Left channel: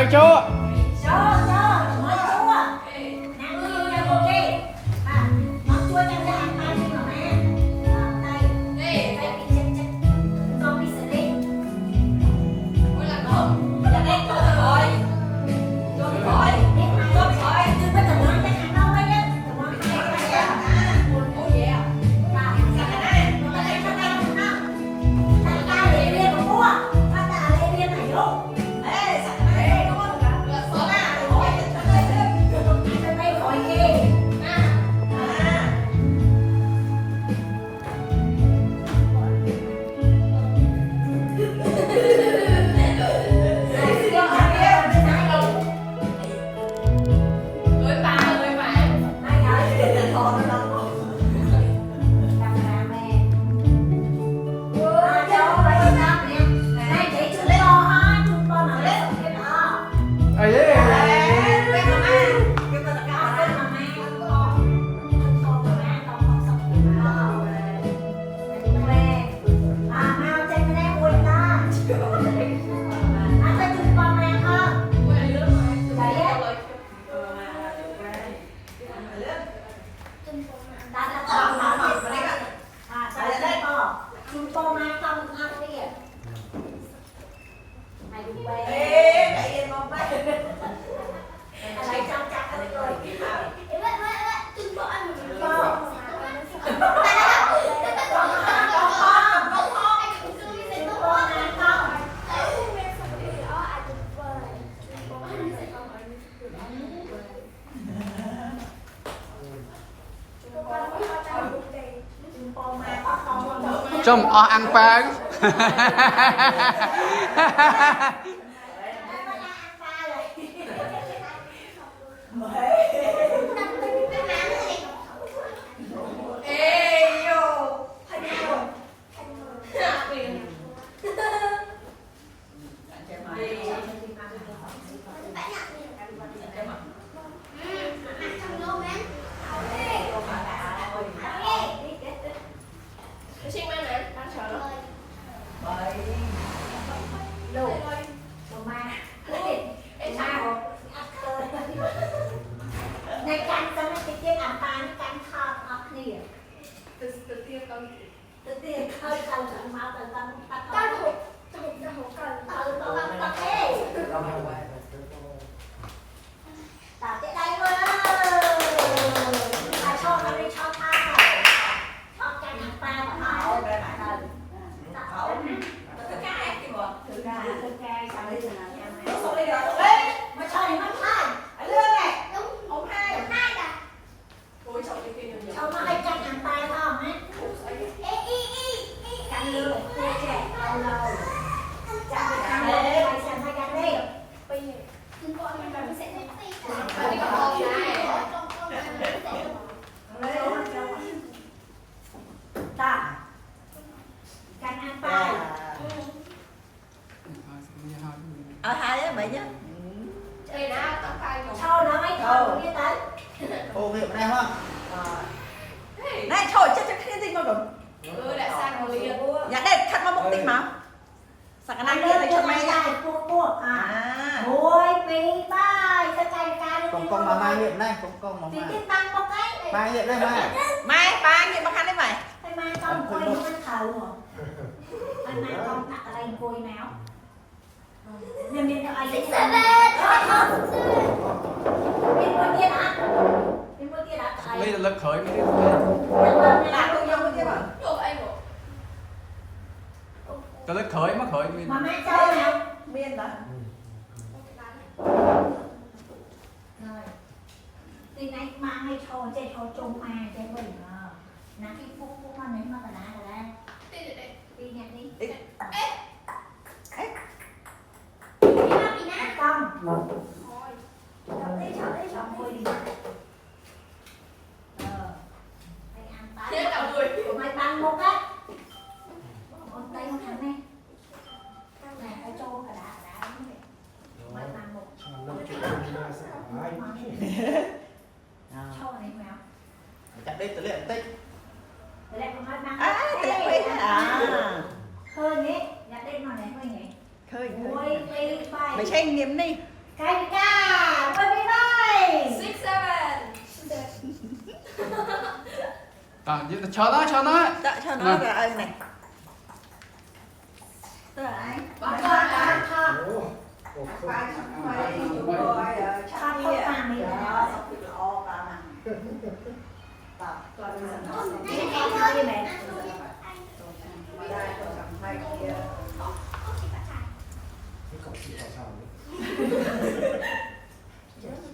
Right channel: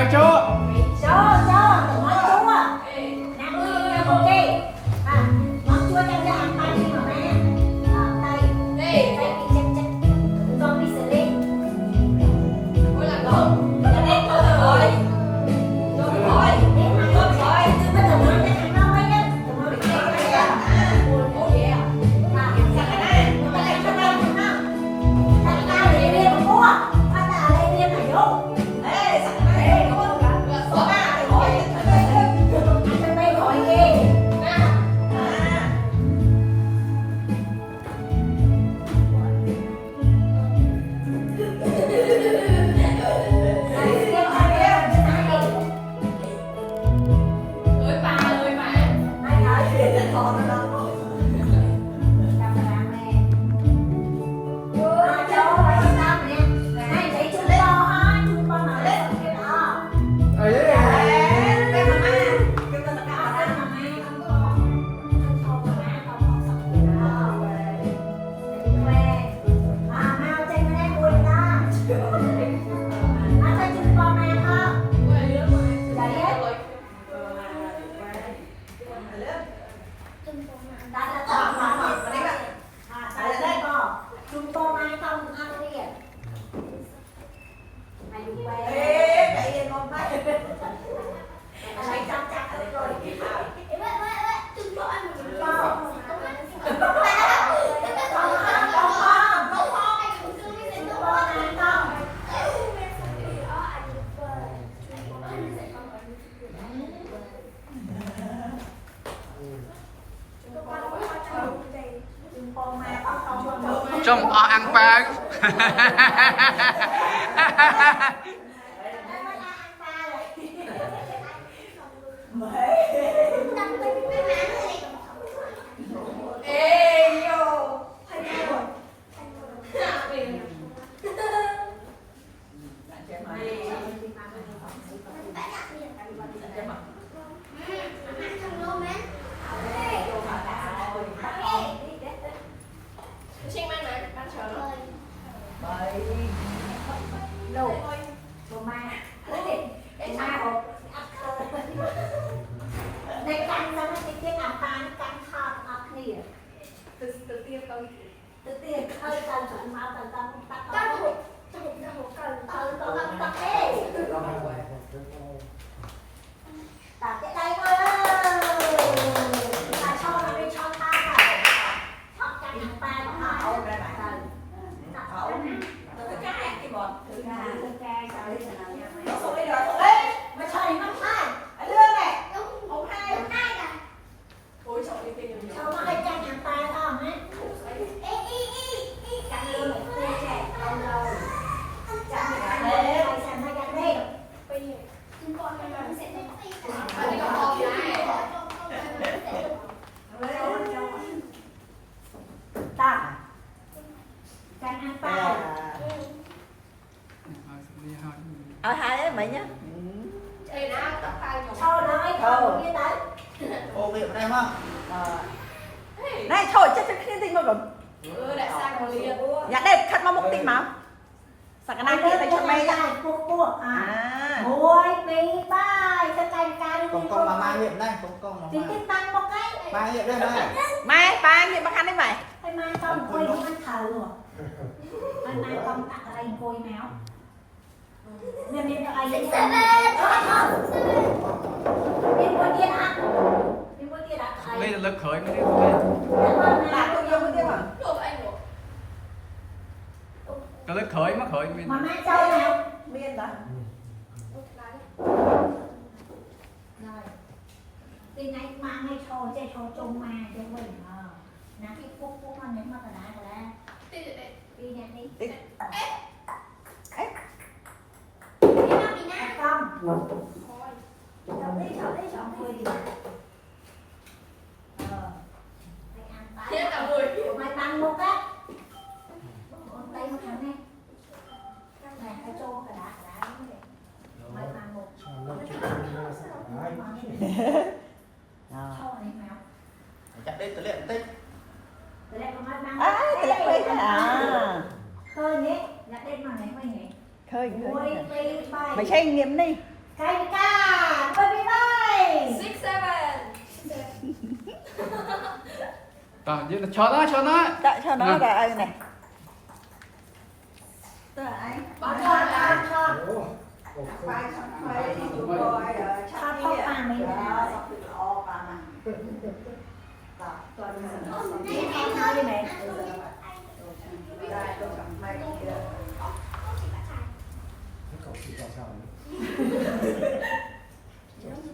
chào chú. Cho món chua nặng đi ra một đi món chua cho ra ăn tay đi mà mẹ tay đây tay bị chân cho bị xử lý ôi là con giờ đây thôi rồi chứ bây giờ nói cái ăn đâu ấy nhá nói cái này à ôi vậy à mà cái này cho đây không tại ta để đi mà mua ta là đây đi mà vô ê sẵn này đúng không Trông ăn pan. Đây là lực khởi. Cái lực khởi mà khởi mà mẹ cho nào miên đó rồi thì này mà ngay cho chơi cho chung mà chơi mình nè cái phúc con này mà cả đá rồi đây đi nhặt đi đi không đi thôi đi mày bằng một á con tay một thằng này này phải cho cả đá mày bằng một cho này mèo chặt đi tự luyện tích con nói bằng khơi nhé nhặt đi mà này mày nhỉ khơi ôi bay mày xem nghiệm đi Thay ca, bye bye. 6, 7. Tao chứ cho nó Đã cho nó là ai này? Tức là ai? Bỏ Thọ, con thọ, ra. thọ. Phải chụp coi rồi chắc đi đó xong thì lo bà mà. Em nói với mẹ. Đây tôi cầm hai kia.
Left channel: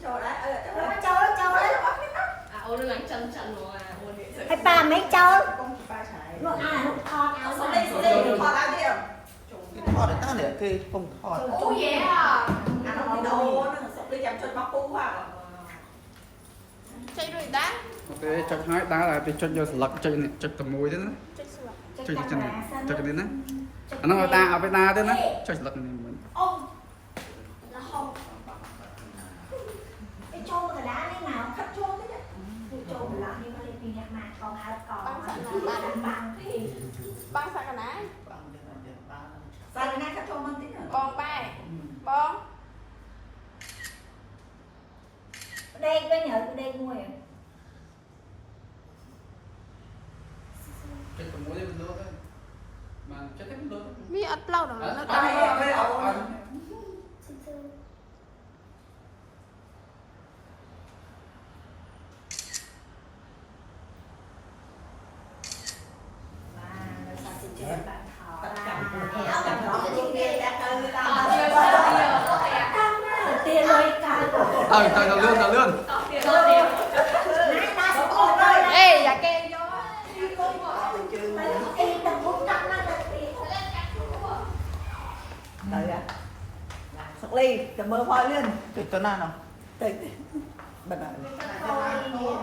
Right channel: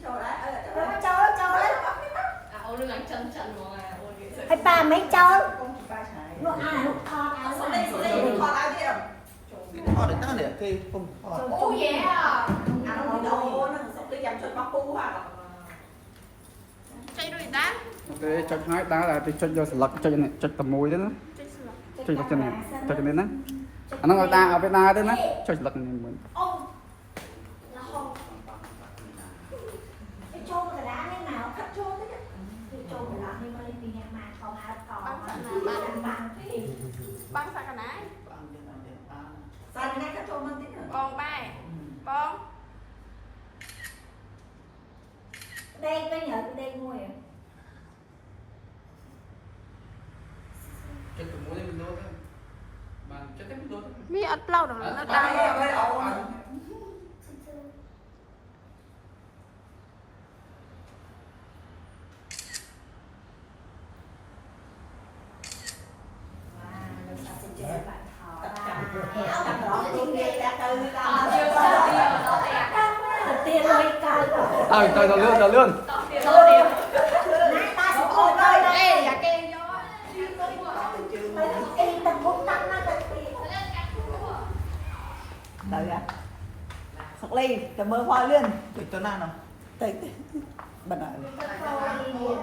Cho đấy, Cho đấy. À, ô đừng đánh chân chân rồi. Ô đi. Hay ba mấy cho. con ba trái. Nó hút thọ áo Xong này. đây, thọt ai đi em? Thọt được tăng để kia không thọt. Oh yeah. Nó không đi đâu, nó xong đi chăm cho bác phu à. Chơi đuổi đá. Để cho hai đá là để cho vô lật cho tầm mùi thế đó cho chân cho cái này nó ở đá ở bên đá thế đó cho lật mình Ông. Là không. Cái trâu cái đá thế nào? Khắp trâu thế chứ. Cái trâu cái đá như mà lên pin mà còn áo còn bằng thì Băng phải cả nãy. Sao đến nay các trâu mang tính rồi? Bong bay. Bong. đây bên nhớ đây ngồi. cho tầm mùi lên luôn mà cho cái luôn Mi ớt lâu rồi nó Đây, đây, ẩu. Tiền rồi cài trời tao lươn nãy ta sẽ ngồi đây đây. Ê, dạ kê vô. Ê, tao muốn tăng nó là tiền. Đợi ạ. Sắc ly, cảm ơn hoa liên. Cho nào nào. Đây, bật lại. Thôi,